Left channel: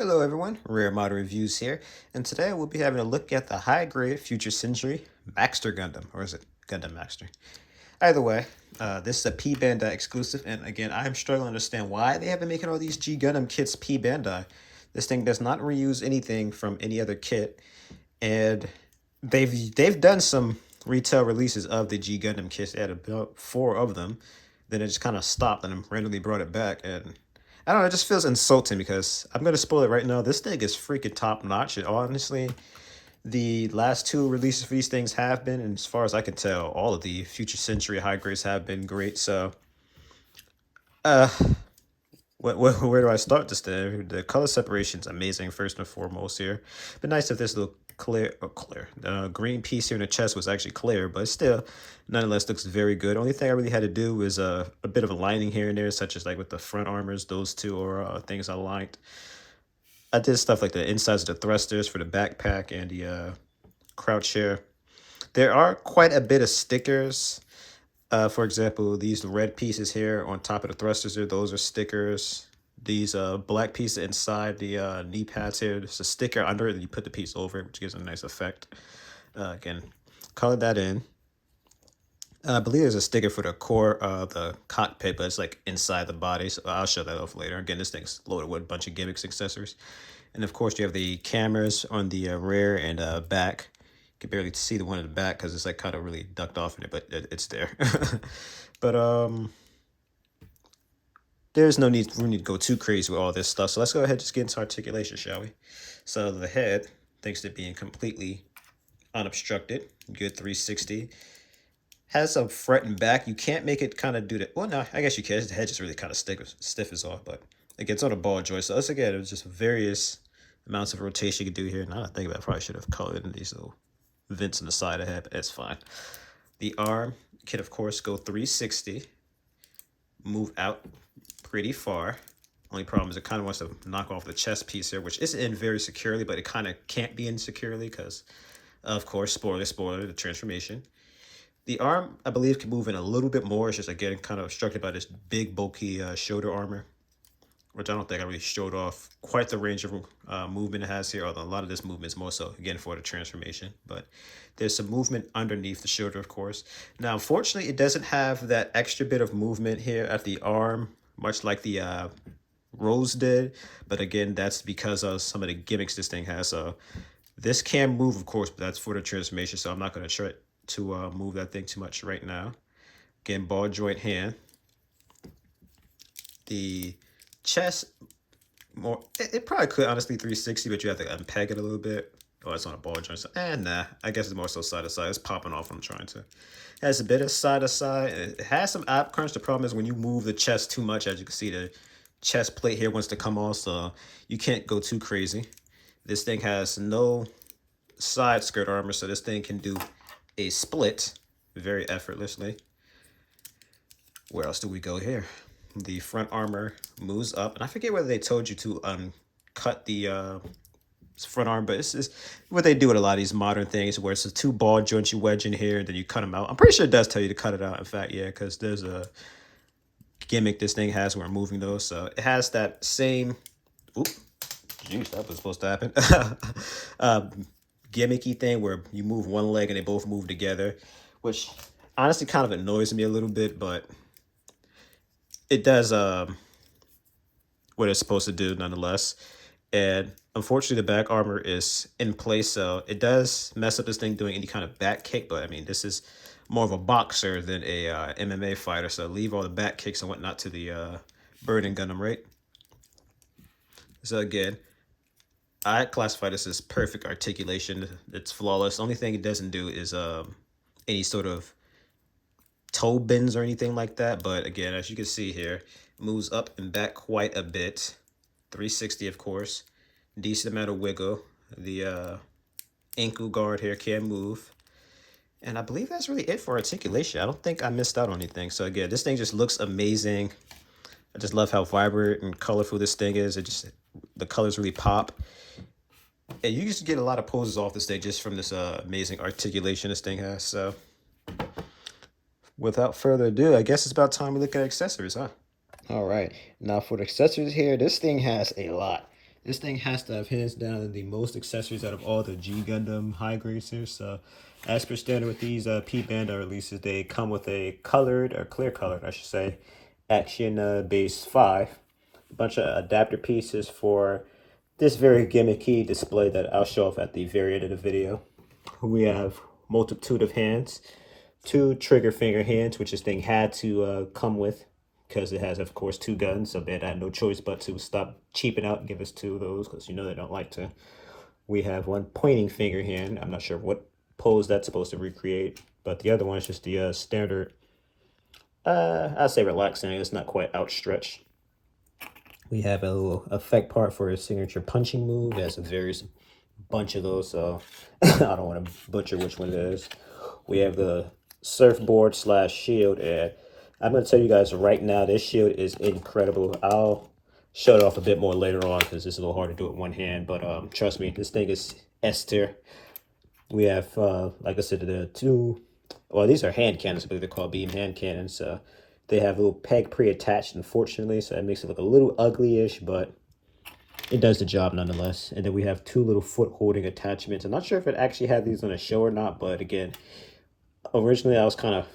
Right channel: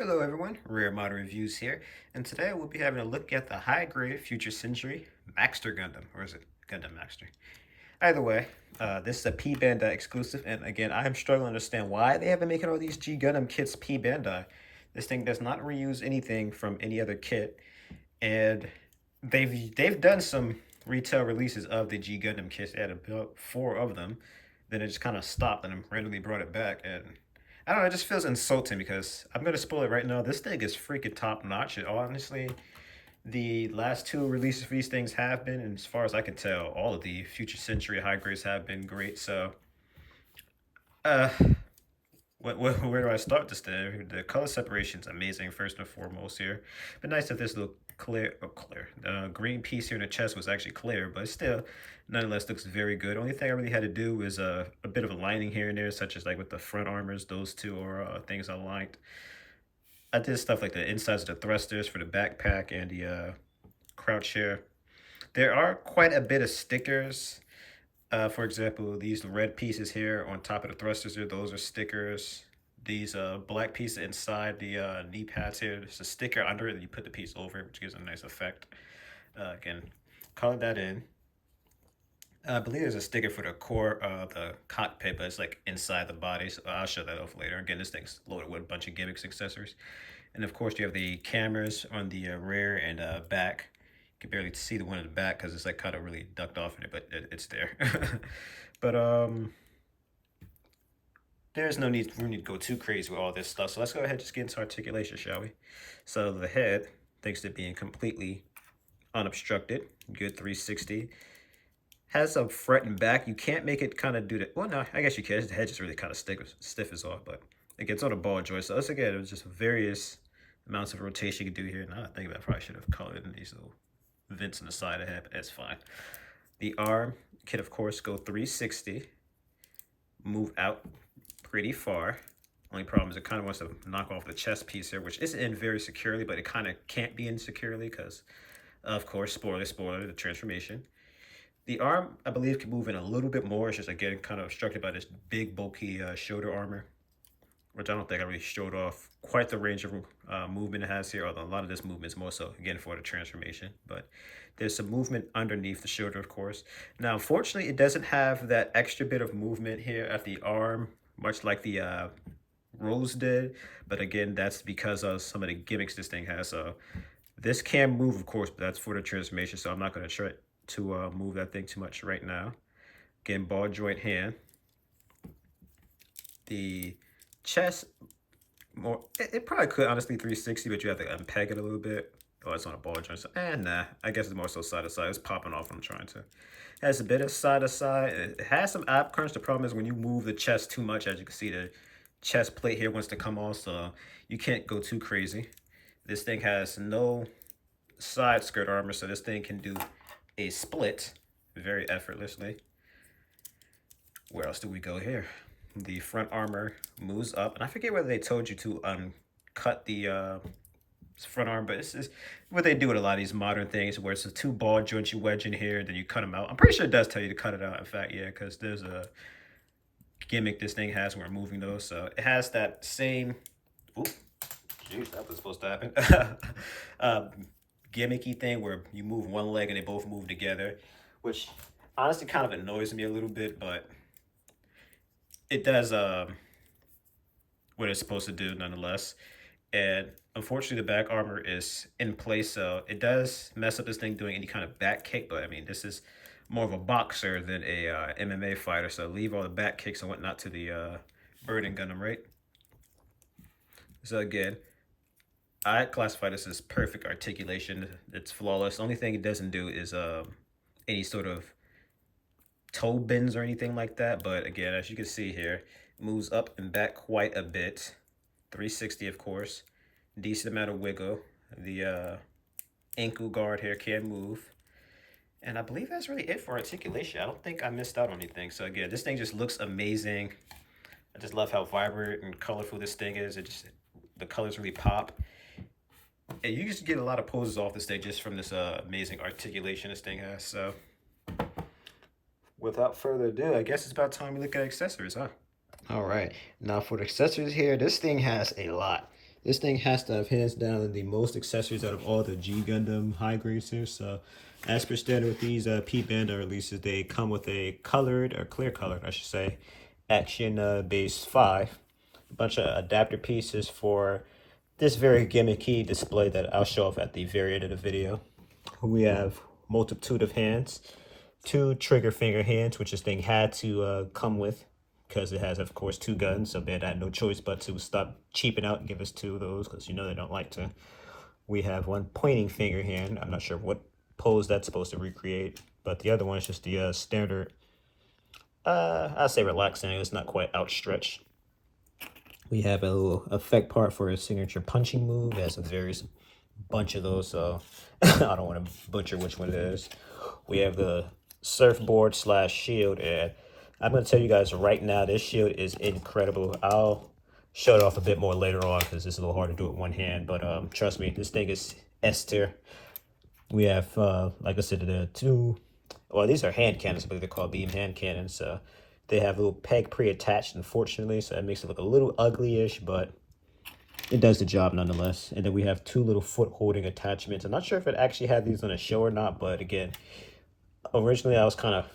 Hello everyone, Rare Model Reviews here, and today we'll be having a look at the high-grade Future Century Maxter Gundam, or is it Gundam Maxter? Either way, this is a P Bandai exclusive, and again, I am struggling to understand why they have been making all these G Gundam kits P Bandai. This thing does not reuse anything from any other kit, and they've done some retail releases of the G Gundam kits. They had about 4 of them, then it just kind of stopped and randomly brought it back, and I don't know, it just feels insulting because I'm gonna spoil it right now. This thing is freaking top notch. And honestly, the last 2 releases for these things have been, and as far as I can tell, all of the Future Century high grades have been great. So, uh, where do I start this thing? The color separation is amazing, first and foremost here. But nice if this little green piece here in the chest was actually clear, but still, nonetheless, looks very good. Only thing I really had to do was a bit of a lining here and there, such as like with the front armors. Those 2 are things I liked. I did stuff like the insides of the thrusters for the backpack and the crouch here. There are quite a bit of stickers. For example, these red pieces here on top of the thrusters here, those are stickers. These black pieces inside the knee pads here, there's a sticker under it, and you put the piece over it, which gives a nice effect. Again, color that in. I believe there's a sticker for the core, the cockpit, but it's like inside the body, so I'll show that off later. Again, this thing's loaded with a bunch of gimmicks, accessories. And of course, you have the cameras on the rear and back. You can barely see the one in the back because it's like kind of really ducked off in it, but it's there. But there's no need for me to go too crazy with all this stuff. So let's go ahead and just get into articulation, shall we? So the head, thanks to being completely unobstructed, good 360. Has some front and back. You can't make it kind of do that. Well, no, I guess you can. The head just really kind of stiff is off, but it gets on a ball joint. So let's again, it was just various amounts of rotation you can do here. Now I think about it, I probably should have colored in these little vents on the side of the head, but it's fine. The arm can, of course, go 360, move out pretty far. Only problem is it kind of wants to knock off the chest piece here, which is in very securely, but it kind of can't be in securely because, of course, spoiler, the transformation. The arm, I believe, can move in a little bit more. It's just, again, kind of obstructed by this big, bulky shoulder armor, which I don't think I really showed off quite the range of movement it has here, although a lot of this movement is more so, again, for the transformation. But there's some movement underneath the shoulder, of course. Now, unfortunately, it doesn't have that extra bit of movement here at the arm, much like the Rose did. But again, that's because of some of the gimmicks this thing has. So this can move, of course, but that's for the transformation, so I'm not going to try to move that thing too much right now. Again, ball joint hand. The chest, it probably could honestly 360, but you have to unpeg it a little bit. Oh, it's on a ball joint. So, nah, I guess it's more so side to side. It's popping off when I'm trying to. It has a bit of side to side. It has some ab crunch. The problem is when you move the chest too much, as you can see, the chest plate here wants to come off, so you can't go too crazy. This thing has no side skirt armor, so this thing can do a split very effortlessly. Where else do we go here? The front armor moves up, and I forget whether they told you to cut the front arm, but this is what they do with a lot of these modern things, where it's the 2 ball joints you wedge in here, and then you cut them out. I'm pretty sure it does tell you to cut it out. In fact, yeah, because there's a gimmick this thing has where I'm moving those, so it has that same. Oop, jeez, that was supposed to happen. Gimmicky thing where you move one leg and they both move together, which honestly kind of annoys me a little bit, but it does what it's supposed to do nonetheless. And unfortunately, the back armor is in place, so it does mess up this thing doing any kind of back kick. But I mean, this is more of a boxer than a MMA fighter, so leave all the back kicks and whatnot to the Burning Gundam, right? So again, I classify this as perfect articulation. It's flawless. The only thing it doesn't do is any sort of toe bends or anything like that. But again, as you can see here, it moves up and back quite a bit. 360, of course. Decent amount of wiggle. The ankle guard here can move. And I believe that's really it for articulation. I don't think I missed out on anything. So again, this thing just looks amazing. I just love how vibrant and colorful this thing is. The colors really pop. And you just get a lot of poses off this thing just from this amazing articulation this thing has. So without further ado, I guess it's about time we look at accessories, huh? All right, now for the accessories here, this thing has a lot. This thing has to have hands down the most accessories out of all the G Gundam high grades here. So as per standard with these P-Band releases, they come with a colored, or clear colored, I should say, Action Base 5. A bunch of adapter pieces for this very gimmicky display that I'll show off at the very end of the video. We have multitude of hands, 2 trigger finger hands, which this thing had to come with because it has, of course, 2 guns. So Bandai had no choice but to stop cheaping out and give us 2 of those because you know they don't like to. We have 1 pointing finger hand. I'm not sure what pose that's supposed to recreate, but the other one is just the standard, I'd say relaxing. It's not quite outstretched. We have a little effect part for a signature punching move. It has a various bunch of those, so I don't want to butcher which one it is. We have the surfboard slash shield, and I'm going to tell you guys right now, this shield is incredible. I'll show it off a bit more later on because it's a little hard to do it with one hand, but trust me, this thing is S tier. We have, like I said, the 2, well, these are hand cannons, I believe they're called beam hand cannons. They have a little peg pre-attached, unfortunately, so that makes it look a little ugly-ish, but it does the job nonetheless. And then we have 2 little foot holding attachments. I'm not sure if it actually had these on a show or not, but again, originally I was kind of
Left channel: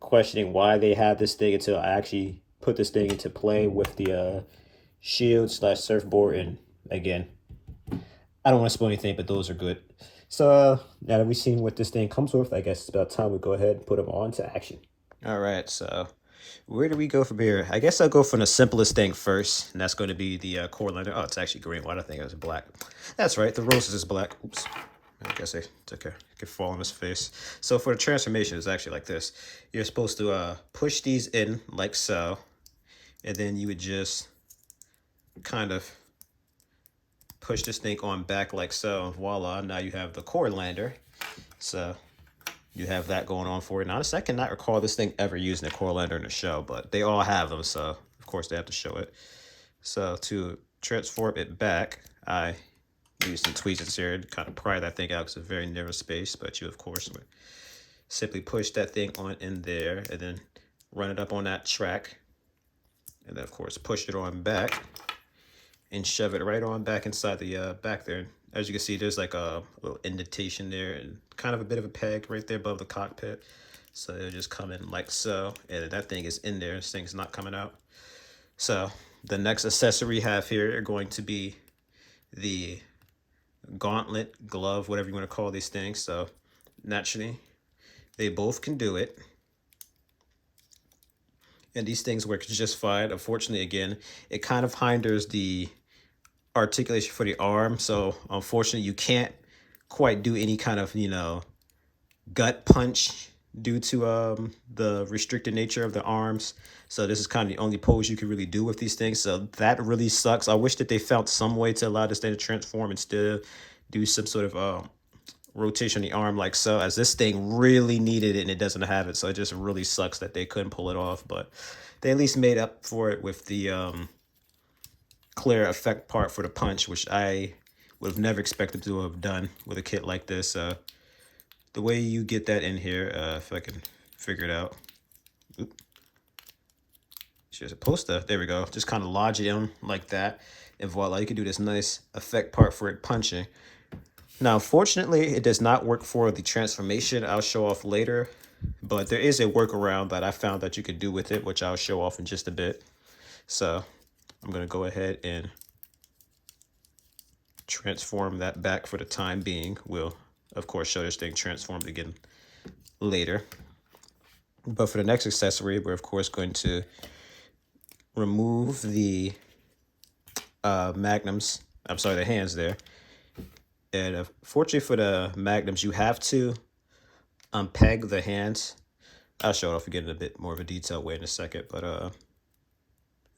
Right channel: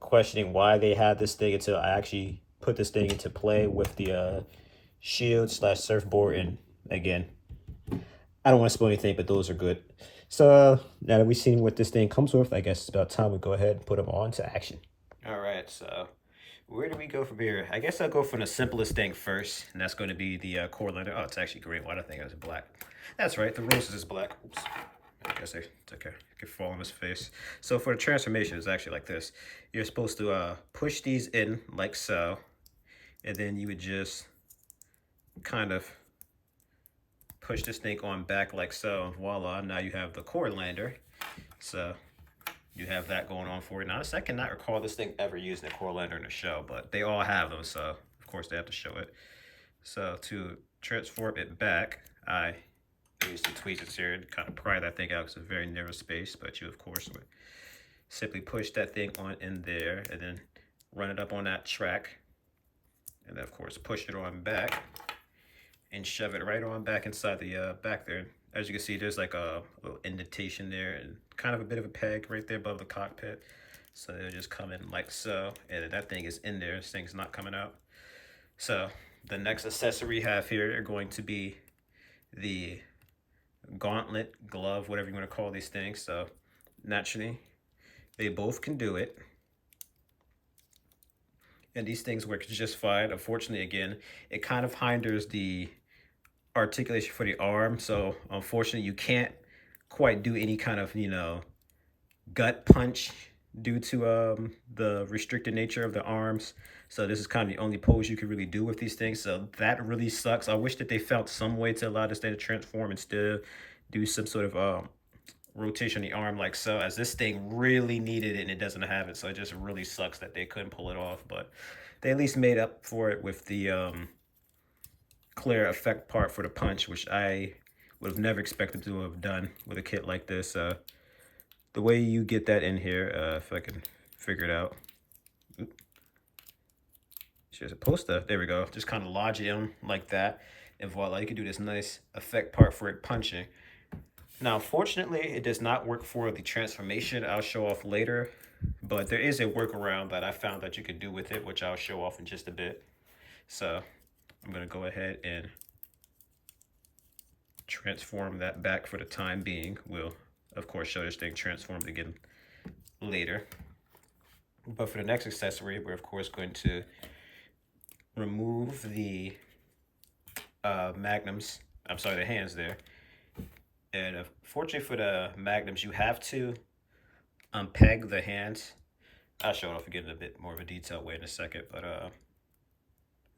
questioning why they had this thing until I actually put this thing into play with the shield slash surfboard. And again, I don't want to spoil anything, but those are good. So now that we've seen what this thing comes with, I guess it's about time we go ahead and put them on to action. All right, so where do we go from here? I guess I'll go from the simplest thing first, and that's going to be the core liner. Oh, it's actually green. Why did I think it was black? That's right, the roses is black. Oops. I guess it's okay. It could fall on his face. So for the transformation, it's actually like this. You're supposed to push these in like so, and then you would just kind of push this thing on back like so, and voila, now you have the core lander. So you have that going on for it. Now, I cannot recall this thing ever using a core lander in the show, but they all have them, so of course they have to show it. So to transform it back, I use some tweezers here to kind of pry that thing out because it's a very narrow space, but you, of course, would simply push that thing on in there and then run it up on that track. And then, of course, push it on back and shove it right on back inside the back there. As you can see, there's like a little indentation there and kind of a bit of a peg right there above the cockpit. So it'll just come in like so, and that thing is in there. This thing's not coming out. So the next accessory we have here are going to be the gauntlet, glove, whatever you want to call these things. So naturally, they both can do it. And these things work just fine. Unfortunately, again, it kind of hinders the articulation for the arm. So unfortunately, you can't quite do any kind of, gut punch due to the restricted nature of the arms. So this is kind of the only pose you can really do with these things. So that really sucks. I wish that they found some way to allow this thing to transform and still do some sort of rotation on the arm like so, as this thing really needed it and it doesn't have it. So it just really sucks that they couldn't pull it off, but they at least made up for it with the clear effect part for the punch, which I would have never expected to have done with a kit like this. The way you get that in here, if I can figure it out. Oop. You're supposed to, there we go, just kind of lodge it in like that, and voila, you can do this nice effect part for it punching. Now, unfortunately, it does not work for the transformation. I'll show off later, but there is a workaround that I found that you can do with it, which I'll show off in just a bit. So I'm going to go ahead and transform that back for the time being. We'll, of course, show this thing transformed again later. But for the next accessory, we're, of course, going to remove the magnums. I'm sorry, the hands there. And fortunately for the magnums, you have to unpeg the hands. I'll show it off again in a bit more of a detailed way in a second, but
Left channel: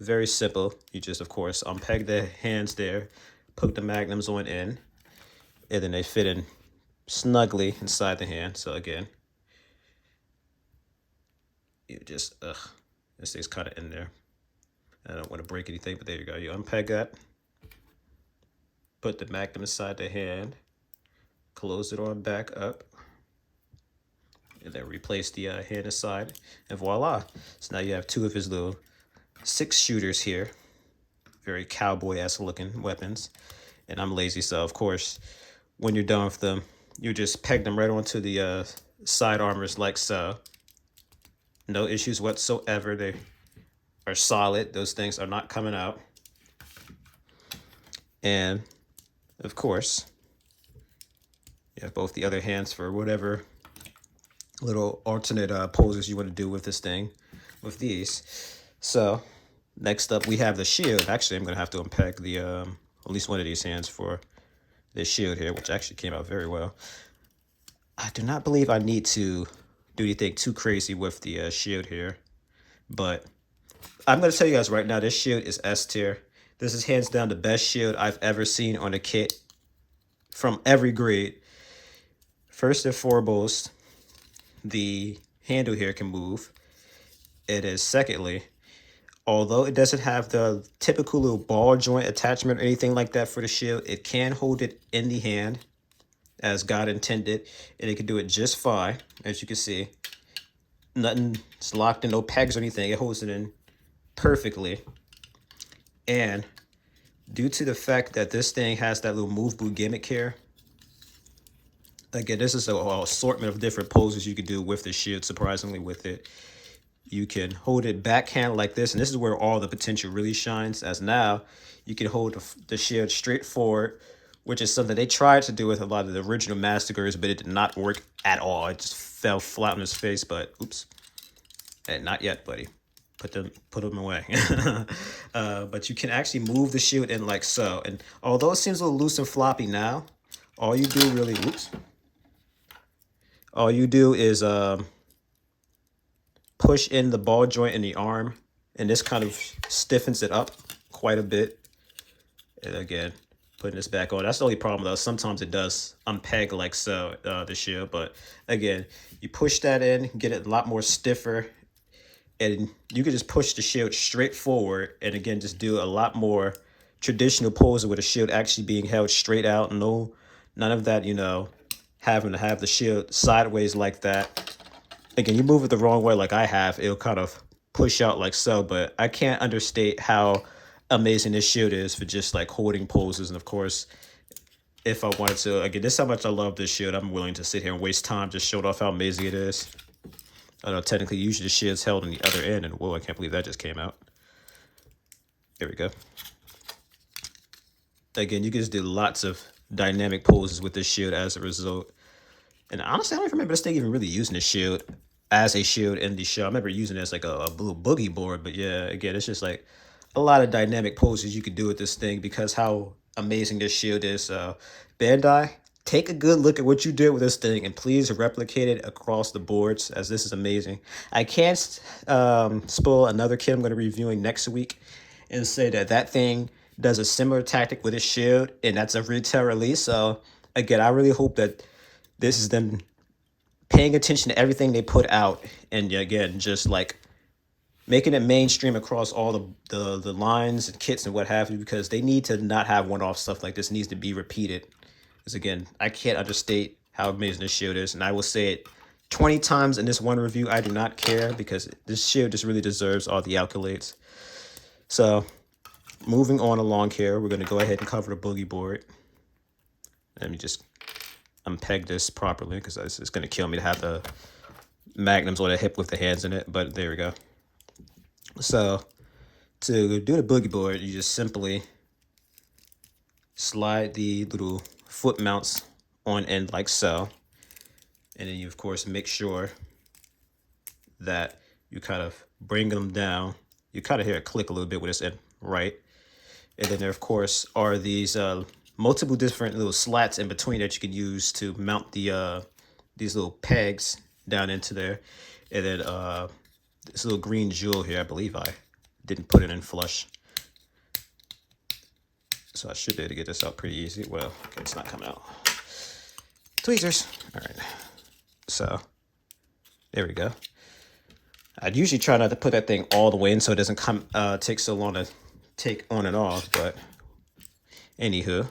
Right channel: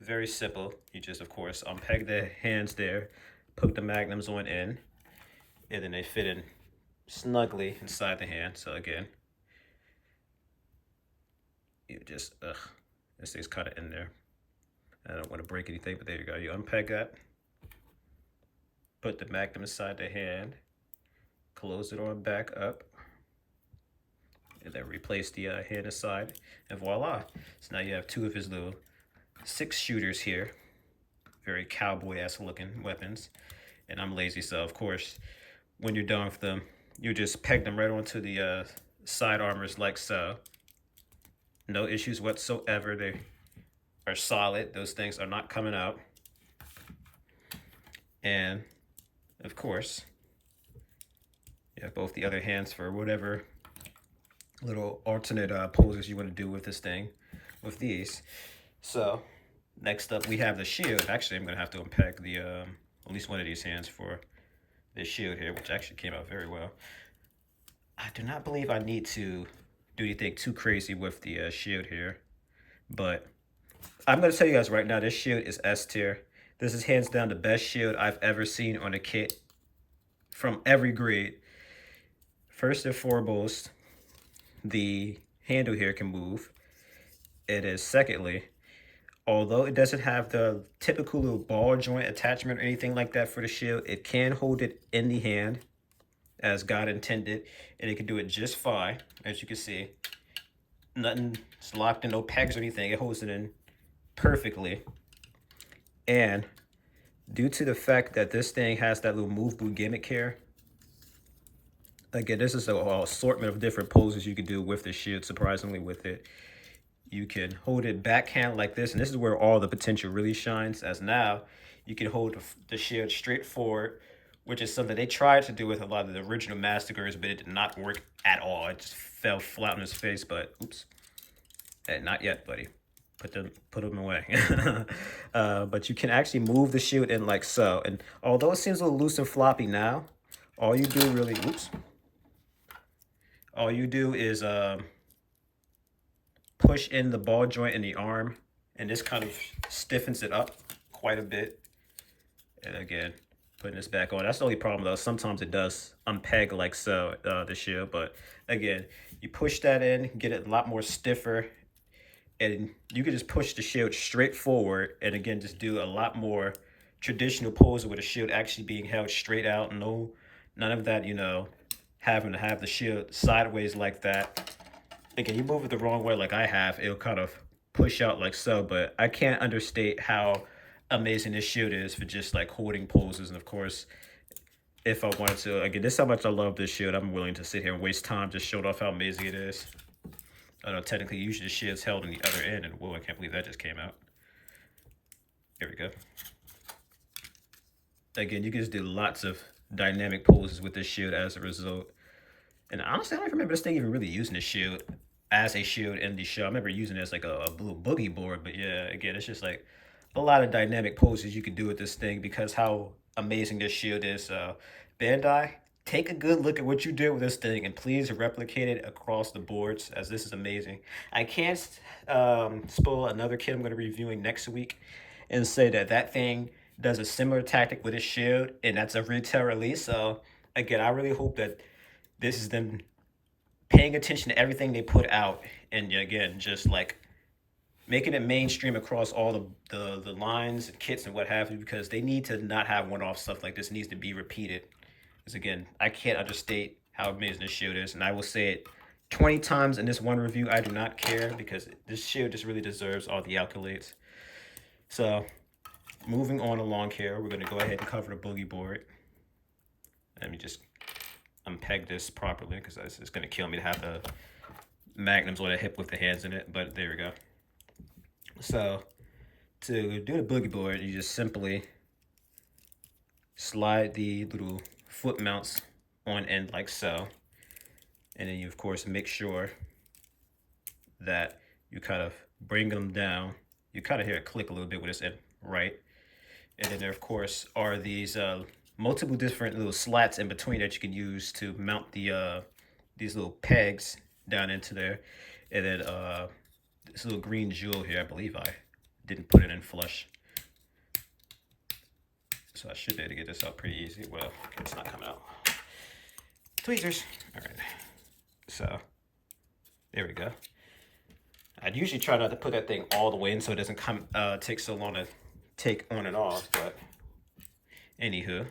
very simple. You just, of course, unpeg the hands there, poke the magnums on in, and then they fit in snugly inside the hand. So again, you just, this thing's kind of in there. I don't want to break anything, but there you go. You unpeg that. Put the magnum inside the hand, close it on back up, and then replace the hand aside, and voila. So now you have 2 of his little 6 shooters here. very cowboy-esque looking weapons. And I'm lazy, so of course, when you're done with them, you just peg them right onto the side armors like so. No issues whatsoever. They are solid. Those things are not coming out. And of course, you have both the other hands for whatever little alternate poses you want to do with this thing, with these. So next up, we have the shield. Actually, I'm going to have to unpack the at least one of these hands for this shield here, which actually came out very well. I do not believe I need to do anything too crazy with the shield here, but I'm going to tell you guys right now, this shield is S tier. This is hands down the best shield I've ever seen on a kit from every grade. First and foremost, the handle here can move. It is secondly, although it doesn't have the typical little ball joint attachment or anything like that for the shield, it can hold it in the hand as God intended, and it can do it just fine. As you can see, nothing's locked in, no pegs or anything. It holds it in perfectly. And due to the fact that this thing has that little move boot gimmick here, again, this is an assortment of different poses you can do with the shield, surprisingly, with it. You can hold it backhand like this, and this is where all the potential really shines, as now you can hold the shield straight forward, which is something they tried to do with a lot of the original Massacres, but it did not work at all. It just fell flat on his face, but oops. Hey, not yet, buddy. Put them away. But you can actually move the shield in like so. And although it seems a little loose and floppy now, all you do really, all you do is push in the ball joint in the arm, and this kind of stiffens it up quite a bit. And again, putting this back on. That's the only problem though. Sometimes it does unpeg like so, the shield. But again, you push that in, get it a lot more stiffer, and you can just push the shield straight forward. And again, just do a lot more traditional poses with the shield actually being held straight out. None of that, you know, having to have the shield sideways like that. Again, you move it the wrong way like I have, it'll kind of push out like so, but I can't understate how amazing this shield is for just like holding poses. And of course, if I wanted to, again, this is how much I love this shield. I'm willing to sit here and waste time just showing off how amazing it is. Although technically, usually the shield's held on the other end, and whoa, I can't believe that just came out. There we go. Again, you can just do lots of dynamic poses with this shield as a result. And honestly, I don't remember this thing even really using the shield as a shield in the show. I remember using it as like a little boogie board, but yeah, again, it's just like a lot of dynamic poses you could do with this thing because how amazing this shield is. Bandai, take a good look at what you did with this thing and please replicate it across the boards, as this is amazing. I can't spoil another kit I'm going to be reviewing next week and say that thing does a similar tactic with its shield, and that's a retail release. So again, I really hope that this is them paying attention to everything they put out, and again, just like making it mainstream across all the lines and kits and what have you, because they need to not have one-off stuff like this. It needs to be repeated. Because again, I can't understate how amazing this shield is, and I will say it 20 times in this one review. I do not care, because this shield just really deserves all the accolades. So moving on along here, we're going to go ahead and cover the boogie board. Let me just unpeg this properly, because it's going to kill me to have the magnums on the hip with the hands in it, but there we go. So to do the boogie board, you just simply slide the little foot mounts on end like so, and then you of course make sure that you kind of bring them down. You kind of hear it click a little bit with this end, right? And then there of course are these multiple different little slats in between that you can use to mount the these little pegs down into there. And then this little green jewel here, I believe I didn't put it in flush, so I should be able to get this out pretty easy. Well, okay, it's not coming out. Tweezers. All right, so there we go. I'd usually try not to put that thing all the way in so it doesn't come take so long to take on and off, but anywho.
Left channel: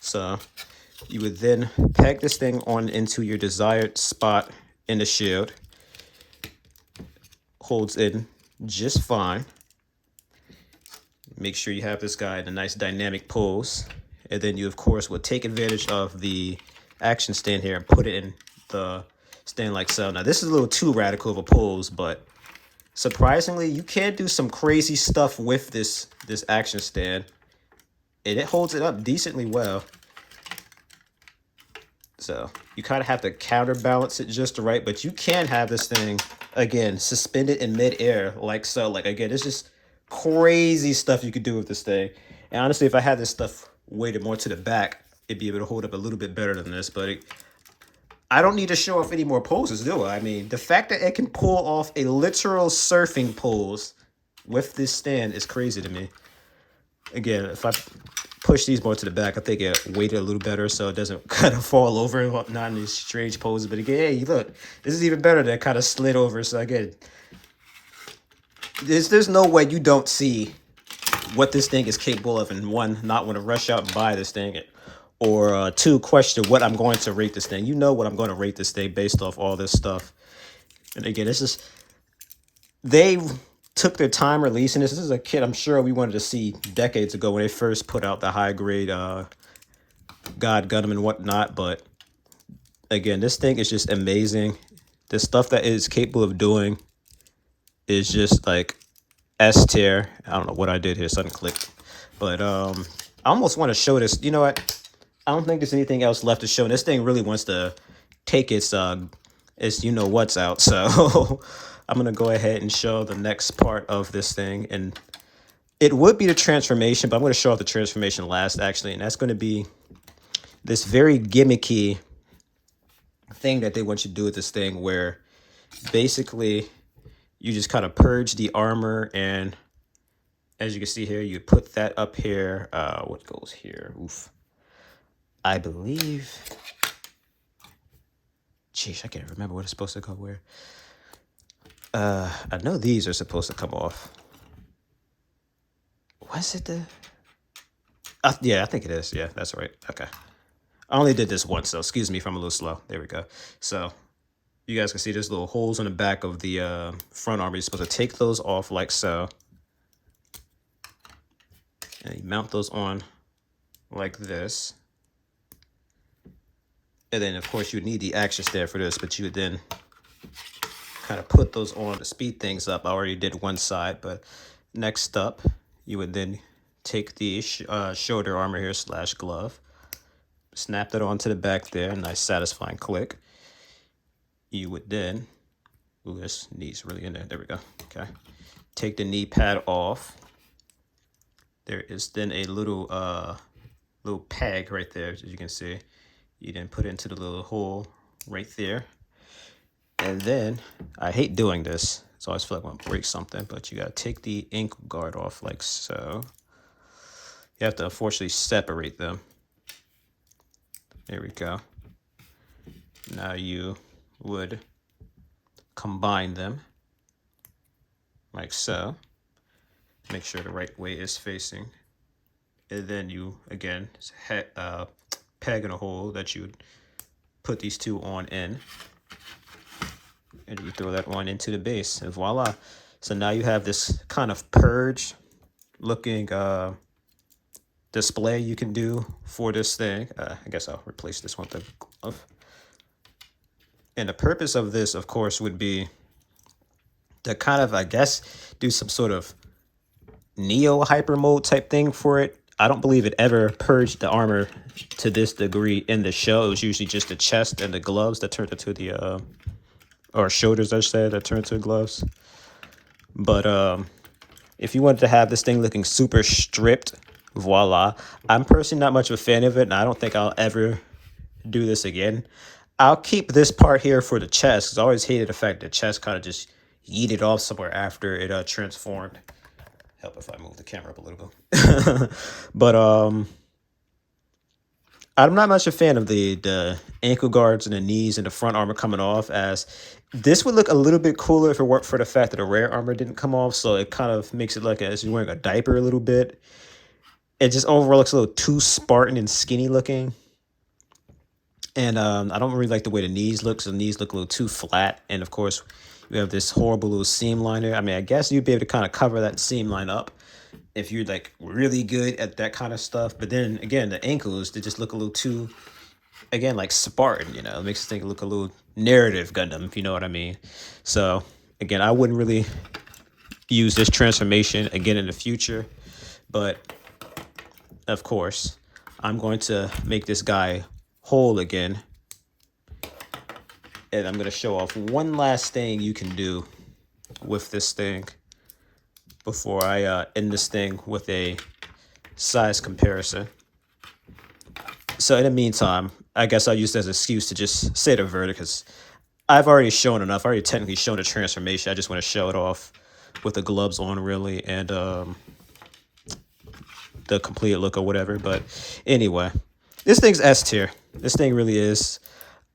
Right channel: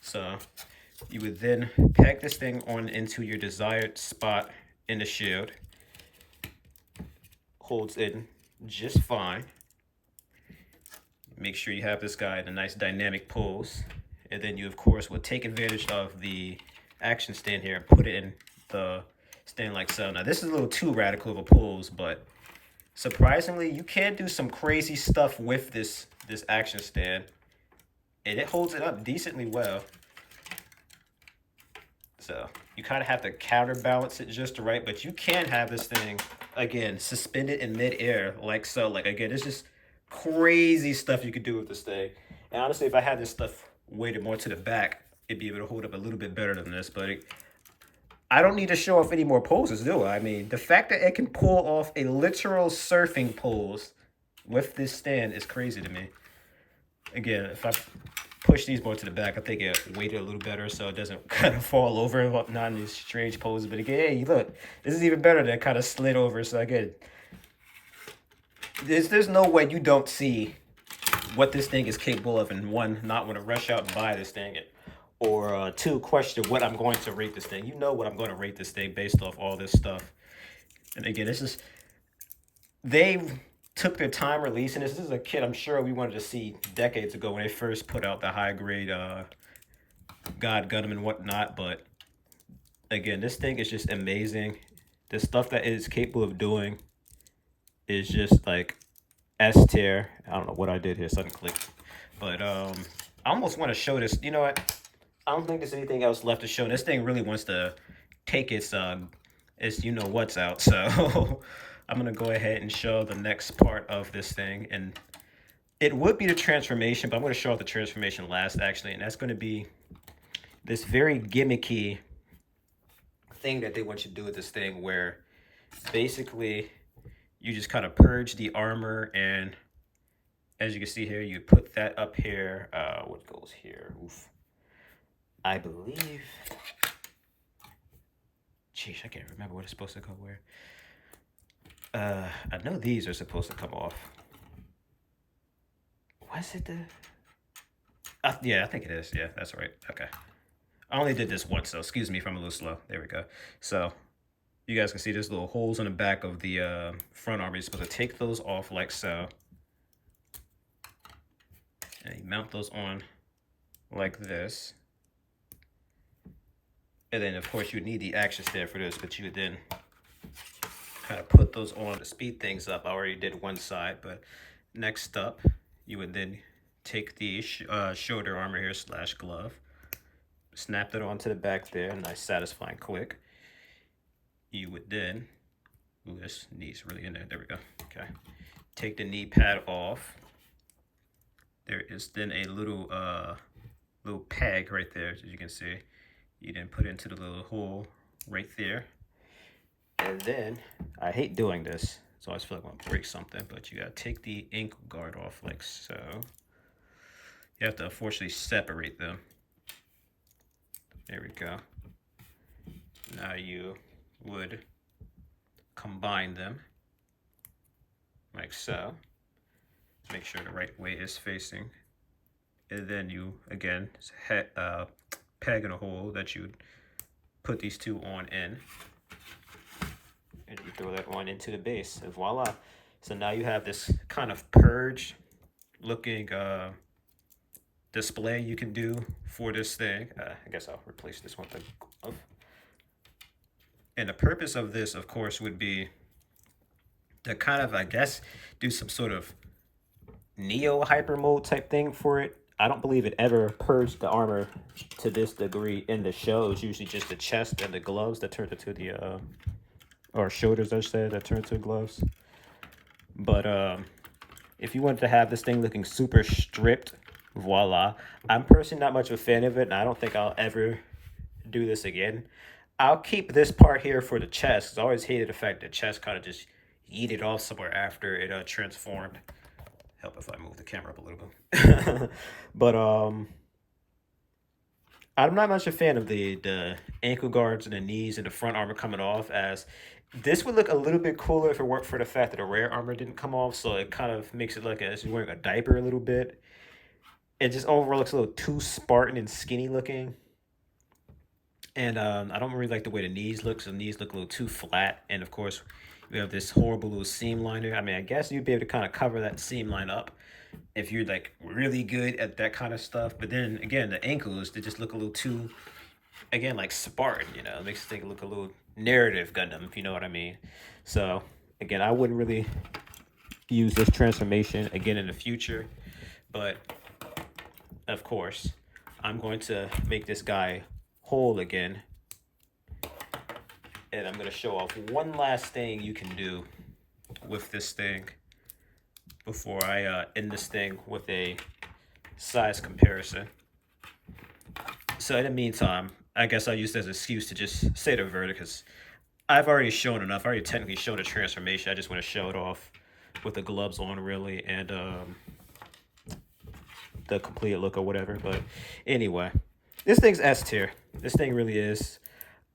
So you would then peg this thing on into your desired spot in the shield. Holds in just fine. make sure you have this guy in a nice dynamic pose. And then you, of course, would take advantage of the action stand here and put it in the stand like so. Now, this is a little too radical of a pose, but surprisingly, you can do some crazy stuff with this action stand. And it holds it up decently well. So you kind of have to counterbalance it just right, but you can have this thing, again, suspended in midair like so. Like, again, it's just crazy stuff you could do with this thing. And honestly, if I had this stuff weighted more to the back, it'd be able to hold up a little bit better than this. But I don't need to show off any more poses, do I? I mean, the fact that it can pull off a literal surfing pose with this stand is crazy to me. Again, if I push these more to the back, I think it weighted a little better so it doesn't kind of fall over and whatnot in these strange poses. But again, hey, look, this is even better than kind of slid over. So again, there's no way you don't see what this thing is capable of, and one, not want to rush out and buy this thing, or two, question what I'm going to rate this thing. You know what I'm going to rate this thing based off all this stuff. And again, this is, they took their time releasing this. This is a kit I'm sure we wanted to see decades ago when they first put out the high grade God Gundam and whatnot. But again, this thing is just amazing. The stuff that it is capable of doing is just like S tier. I don't know what I did here, something clicked. But I almost want to show this. You know what? I don't think there's anything else left to show. And this thing really wants to take its you know what's out. So I'm going to go ahead and show the next part of this thing. And it would be the transformation, but I'm going to show off the transformation last, actually. And that's going to be this very gimmicky thing that they want you to do with this thing, where basically you just kind of purge the armor. And as you can see here, you put that up here. What goes here? Oof. I believe... Jeez, I can't remember what it's supposed to go where. I know these are supposed to come off. Was it the... yeah, I think it is. Yeah, that's right. Okay. I only did this once, so excuse me if I'm a little slow. There we go. So you guys can see there's little holes on the back of the front armor. You're supposed to take those off like so. And you mount those on like this. And then, of course, you would need the action stand for this, but you would then kind of put those on to speed things up. I already did one side, but next up, you would then take the shoulder armor here / glove, snap that onto the back there, nice satisfying click. You would then, ooh, this knee's really in there. There we go. Okay, take the knee pad off. There is then a little peg right there, as you can see. You then put it into the little hole right there. And then, I hate doing this, so I always feel like I'm gonna break something, but you gotta take the ankle guard off like so. You have to unfortunately separate them. There we go. Now you would combine them like so. Make sure the right way is facing. And then you, again, peg in a hole that you would put these two on in. And you throw that one into the base, and voila. So now you have this kind of purge looking display you can do for this thing. I guess I'll replace this one with the glove. And the purpose of this, of course, would be to kind of, I guess, do some sort of Neo hyper mode type thing for it. I don't believe it ever purged the armor to this degree in the show. It was usually just the chest and the gloves that turned into the, or shoulders, I said, that turned into gloves. But if you wanted to have this thing looking super stripped, voila. I'm personally not much of a fan of it, and I don't think I'll ever do this again. I'll keep this part here for the chest, because I always hated the fact that the chest kind of just yeeted off somewhere after it transformed. Help if I move the camera up a little bit. But I'm not much a fan of the ankle guards and the knees and the front armor coming off, as this would look a little bit cooler if it weren't for the fact that the rear armor didn't come off. So it kind of makes it like as you're wearing a diaper a little bit. It just overall looks a little too Spartan and skinny looking. And I don't really like the way the knees look. So the knees look a little too flat. And of course, we have this horrible little seam liner. I mean, I guess you'd be able to kind of cover that seam line up. if you're like really good at that kind of stuff. But then again, the ankles, they just look a little too, again, like Spartan, you know, it makes the thing look a little narrative Gundam, if you know what I mean. So again, I wouldn't really use this transformation again in the future, but of course, I'm going to make this guy whole again. And I'm going to show off one last thing you can do with this thing before I end this thing with a size comparison. So in the meantime, I guess I'll use that as an excuse to just say the verdict, because I've already shown enough. I already technically shown the transformation. I just want to show it off with the gloves on, really, and the complete look or whatever. But anyway, this thing's S tier. This thing really is.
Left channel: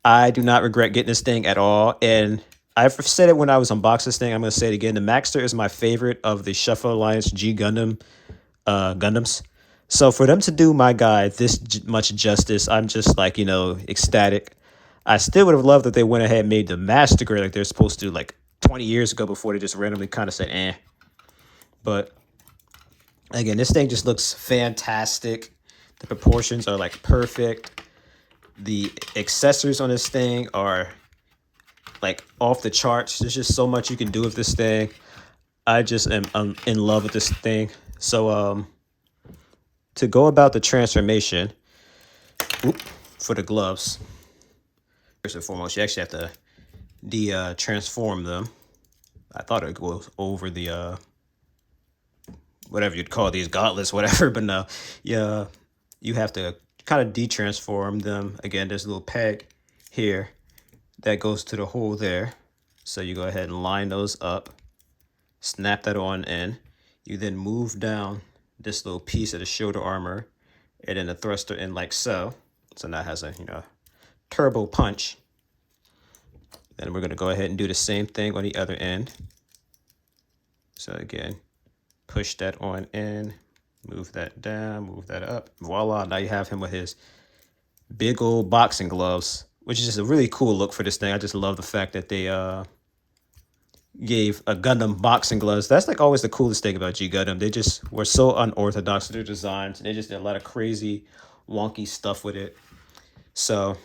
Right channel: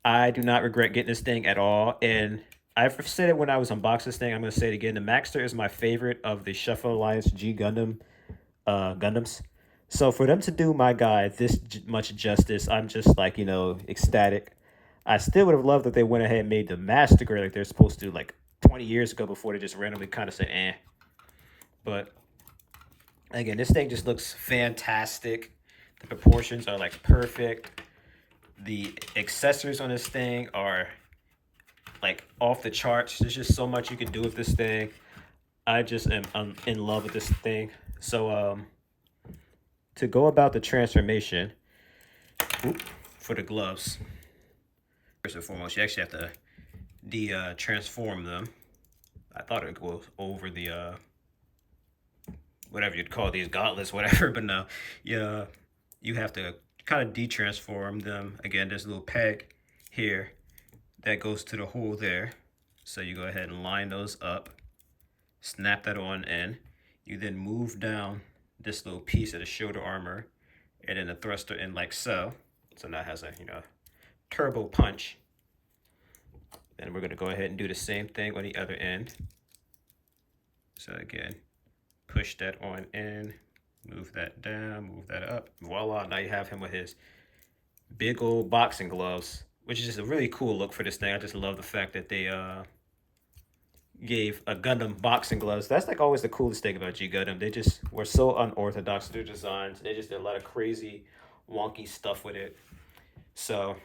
I do not regret getting this thing at all. And I've said it when I was unboxing this thing. I'm going to say it again. The Maxter is my favorite of the Shuffle Alliance G Gundam Gundams. So for them to do my guy this much justice, I'm just like, you know, ecstatic. I still would have loved that they went ahead and made the Master Grade like they're supposed to, like 20 years ago, before they just randomly kind of said, eh. But again, this thing just looks fantastic. The proportions are like perfect. The accessories on this thing are like off the charts. There's just so much you can do with this thing. I just am in love with this thing. So to go about the transformation for the gloves, first and foremost, you actually have to transform them. I thought it goes over the whatever you'd call these gauntlets, whatever, but no, yeah, you have to kind of de-transform them. Again, there's a little peg here that goes to the hole there. So you go ahead and line those up, snap that on in. You then move down this little piece of the shoulder armor and then the thruster in like so. So now it has a, you know, turbo punch. Then we're gonna go ahead and do the same thing on the other end. So again, push that on in, move that down, move that up. Voila, now you have him with his big old boxing gloves, which is just a really cool look for this thing. I just love the fact that they gave a Gundam boxing gloves. That's like always the coolest thing about G Gundam. They just were so unorthodox with their designs. They just did a lot of crazy, wonky stuff with it. So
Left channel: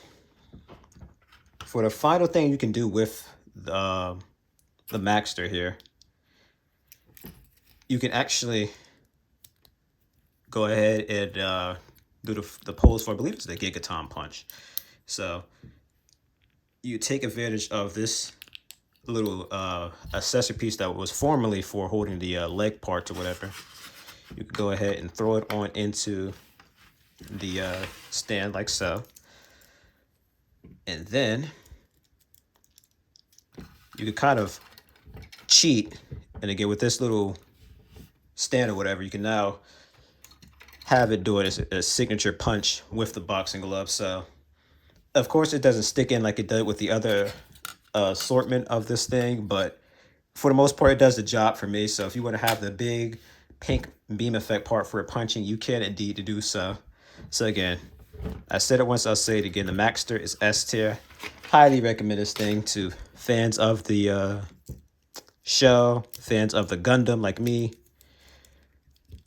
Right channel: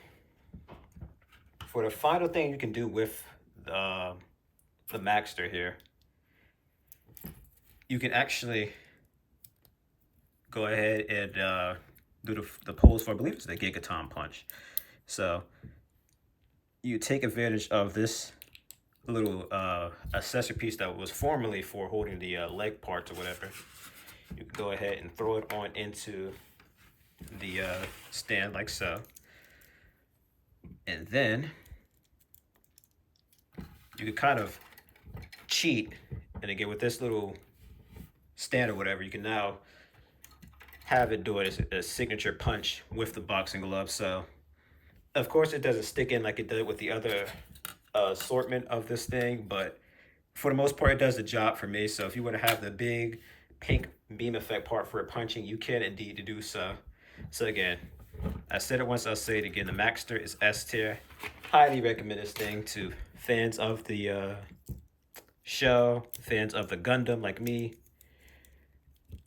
for the final thing you can do with the Maxter here, you can actually go ahead and do the pose for, I believe it's the Gigaton punch. So you take advantage of this little accessory piece that was formerly for holding the leg parts or whatever. You can go ahead and throw it on into the stand like so. And then you can kind of cheat. And again, with this little stand or whatever, you can now have it do it as a signature punch with the boxing glove. So of course it doesn't stick in like it did with the other assortment of this thing, but for the most part it does the job for me. So if you want to have the big pink beam effect part for punching, you can indeed do so. So again, I said it once, I'll say it again, the Maxter is S tier. Highly recommend this thing to fans of the show, fans of the Gundam like me,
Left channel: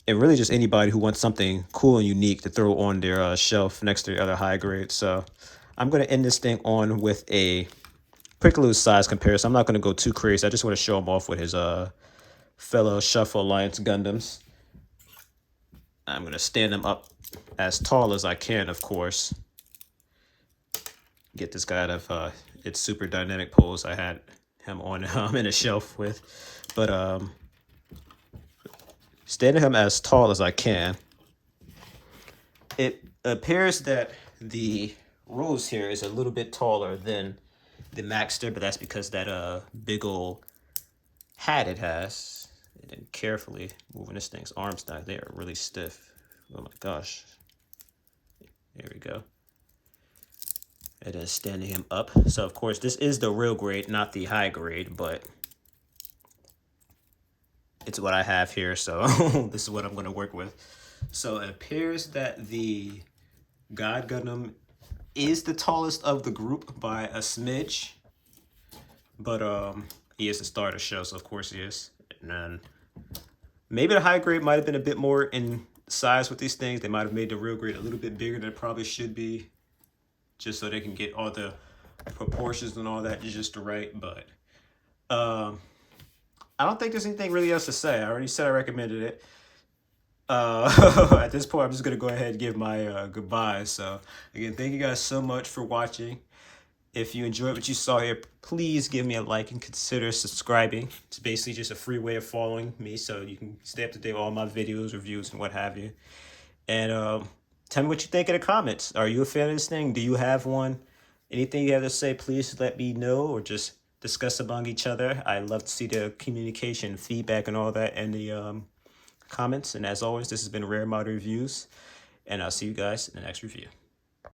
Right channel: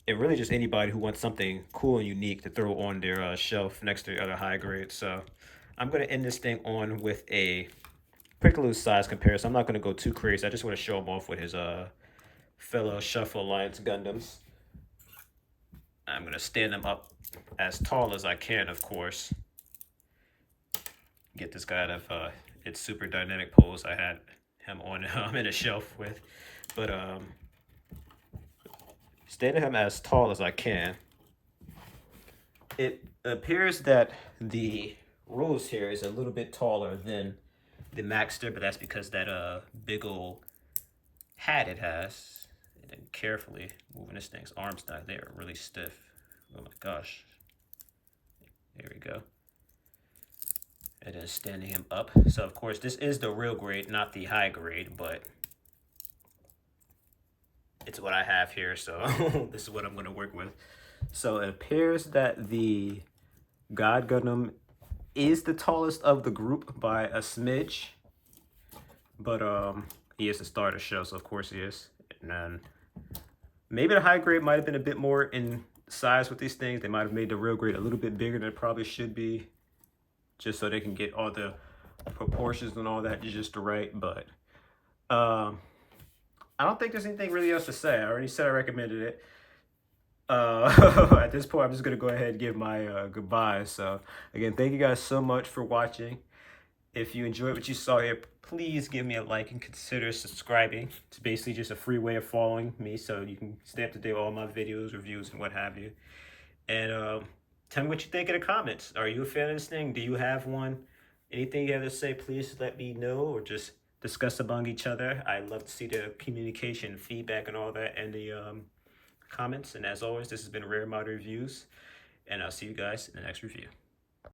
and really just anybody who wants something cool and unique to throw on their shelf next to the other high grades. So I'm going to end this thing on with a pretty loose size comparison. I'm not going to go too crazy. I just want to show him off with his fellow Shuffle Alliance Gundams. I'm going to stand them up as tall as I can, of course. Get this guy out of its super dynamic pose I had him on in a shelf with. But standing him as tall as I can. It appears that the rose here is a little bit taller than the Maxter, but that's because that big old hat it has. And then carefully moving this thing's arms down, they are really stiff. Oh my gosh. There we go. And then standing him up. So of course this is the real grade, not the high grade, but it's what I have here, so this is what I'm going to work with. So it appears that the God Gundam is the tallest of the group by a smidge, but he is the star of the show, so of course he is. And then Maybe the high grade might have been a bit more in size with these things. They might have made the real grade a little bit bigger than it probably should be, just so they can get all the proportions and all that just right. But I don't think there's anything really else to say. I already said I recommended it. At this point, I'm just gonna go ahead and give my goodbyes. So again, thank you guys so much for watching. If you enjoyed what you saw here, please give me a like and consider subscribing. It's basically just a free way of following me so you can stay up to date with all my videos, reviews, and what have you. And tell me what you think in the comments. Are you a fan of this thing? Do you have one? Anything you have to say, please let me know, or just discuss among each other. I love to see the communication, feedback, and all that in the comments. And as always, this has been Rare Mod Reviews, and I'll see you guys in the next review.